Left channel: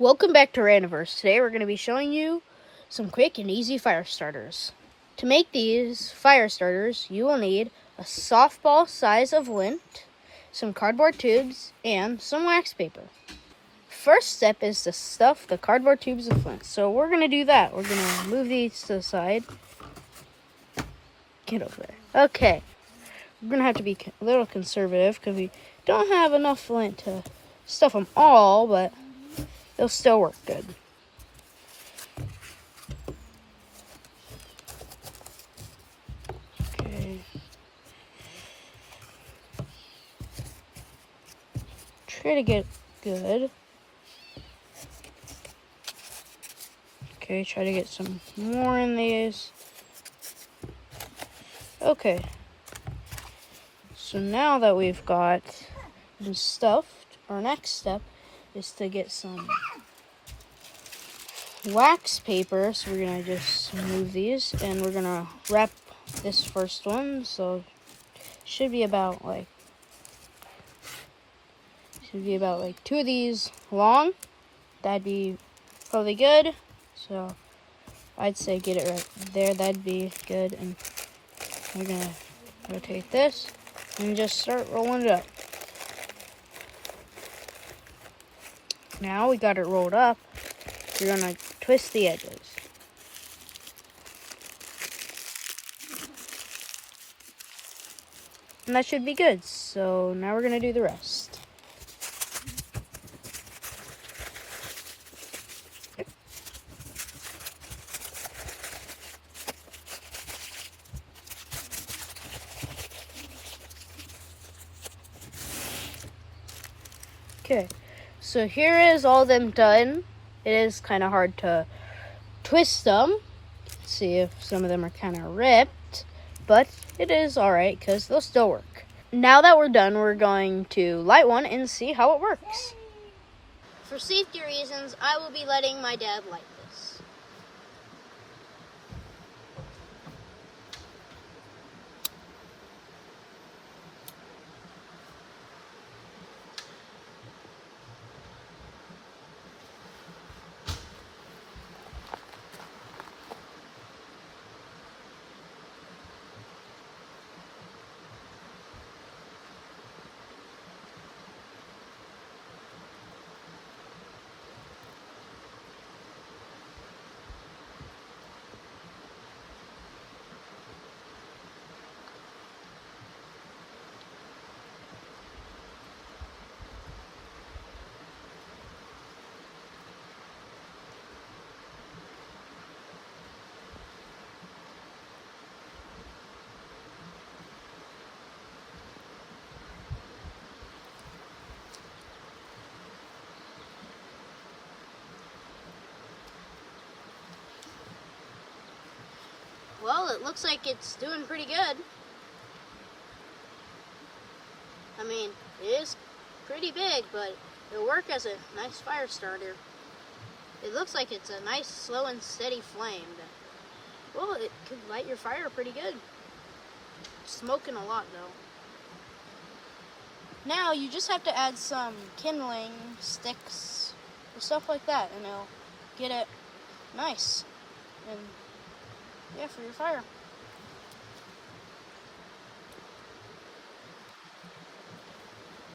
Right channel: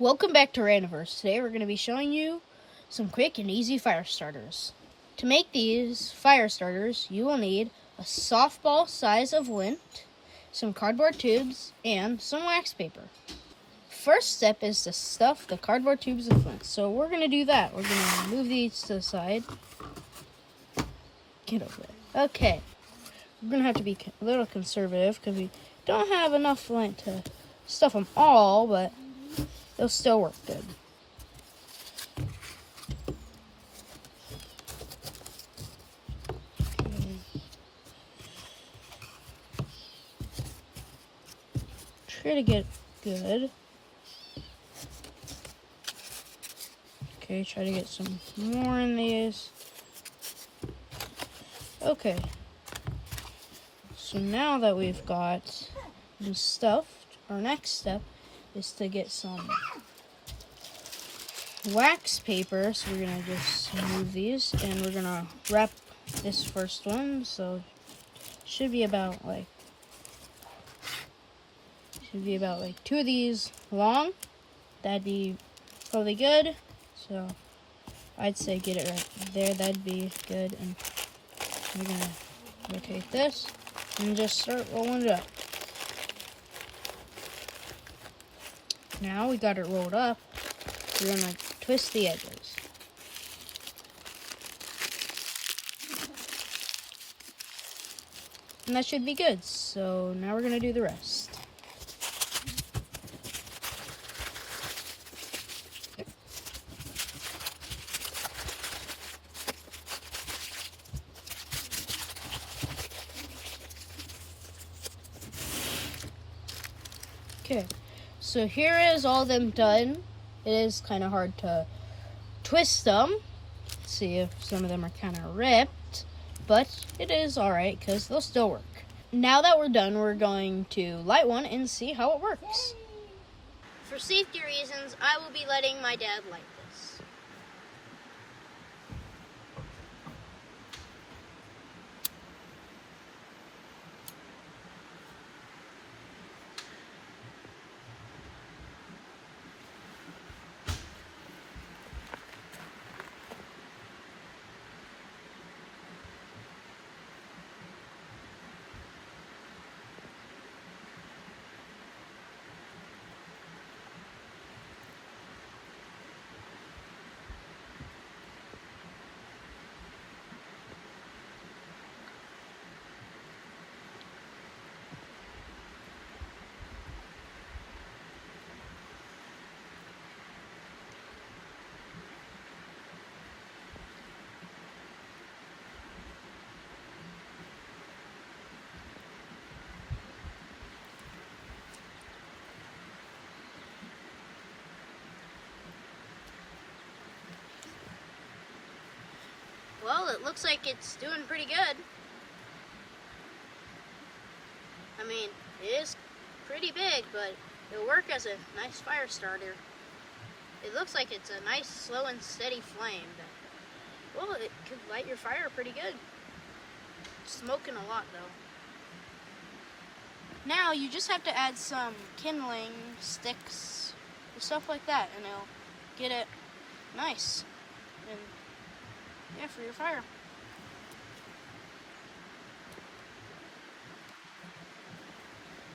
Welcome back to Randiverse. Today we're going to be showing you some quick and easy fire starters. To make these fire starters, you will need a softball size of lint, some cardboard tubes, and some wax paper. First step is to stuff the cardboard tubes with lint. So we're going to do that. We're going to move these to the side. Get over there. Okay. We're going to have to be a little conservative because we don't have enough lint to stuff them all, but they'll still work good. Okay. Try to get good. Okay, try to get some more in these. Okay. So now that we've got them stuffed, our next step is to get some wax paper. So we're gonna just move these and we're gonna wrap this first one. So it should be about like two of these long. That'd be probably good. So I'd say get it right there. That'd be good. And we're gonna rotate this and just start rolling it up. Now we got it rolled up. We're gonna twist the edges. And that should be good. So now we're gonna do the rest. Okay, so here is all them done. It is kind of hard to twist them. See if some of them are kind of ripped, but it is alright because they'll still work. Now that we're done, we're going to light one and see how it works. For safety reasons, I will be letting my dad light this. Well, it looks like it's doing pretty good. I mean, it is pretty big, but it'll work as a nice fire starter. It looks like it's a nice, slow and steady flame. Well, it could light your fire pretty good. It's smoking a lot, though. Now, you just have to add some kindling sticks or stuff like that, and it'll get it nice. And yeah, for your fire.